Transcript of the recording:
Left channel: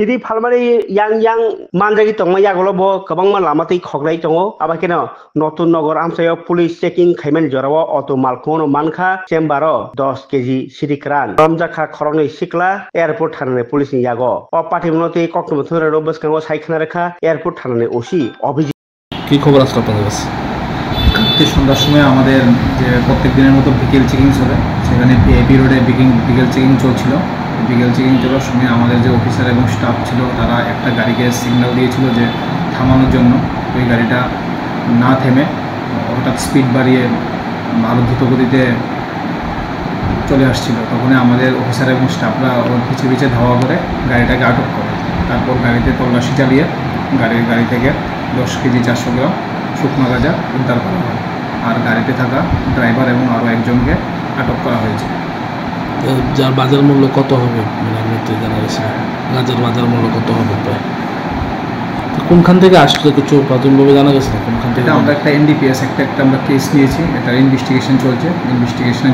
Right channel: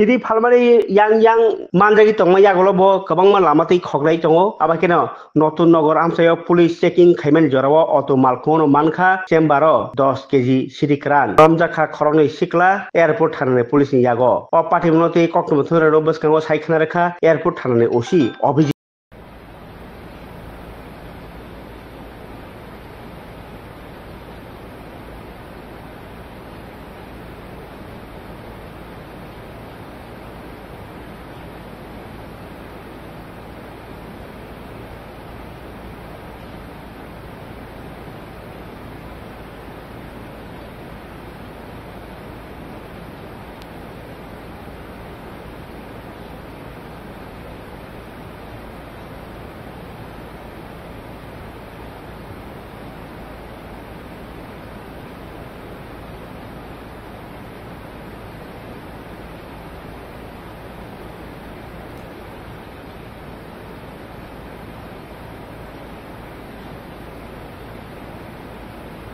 Sidi Palmari yang manjagi tong yagolo bo kabang ma lamati khoglai tongo abakeno notun nogor amsayo police checking khaiman jorawo auto malkono manka chembaro 10 kg sidikran ramjaka khoroni sikla airport thanane police ni yago o patimnoti koktum thura robas kango saikna rekha airport thanane osi অভিযোগ কি খবর আছে আপনাদের কাছে? কালকে সন্ধ্যার সময় আমাদের যে প্রত্যেক দিনের মতো বিকেল চেকিং চলে, সেখানে পিআইপি রোডে বিকেল চেকিং চলছিল। বিকেল চেকিং চলার সময় আমাদের যে অফিসার এবং স্টাফ ছিল তারা একটা গাড়িকে সিগন্যাল দিয়েছিল যে থামানোর জন্য। ওই গাড়িটা না থেমে হঠাৎ স্পিড বাড়িয়ে আরও দ্রুত গতিতে চলে আসছিল। তখন আমাদের অফিসার এবং স্টাফরা ওর পিছিয়ে পিছিয়ে ধাওয়া করে গাড়িটাকে আটক করে। তারপর গাড়িতে তল্লাশি চালিয়ে গাড়ি থেকে 10 কেজি 400 গ্রাম শুকনো গাঁজা উদ্ধার করা হয়। আর গাড়িতে থাকা ড্রাইভার এবং আরও একজনকে আটক করা হয়েছে। যার বাজার মূল্য কত হবে মানে আপনি তো জানা গেছে গাঁজার বাজার মূল্য কত হবে প্রায়? কোনখান থেকে আসলে কিছু প্রাথমিকভাবে জানা গেছে না কোনখান থেকে? আমরা একটা এনডিপিএস একটা আমরা কেস নিয়েছি, এটার ইনভেস্টিগেশন চলছে। ইনভেস্টিগেশনে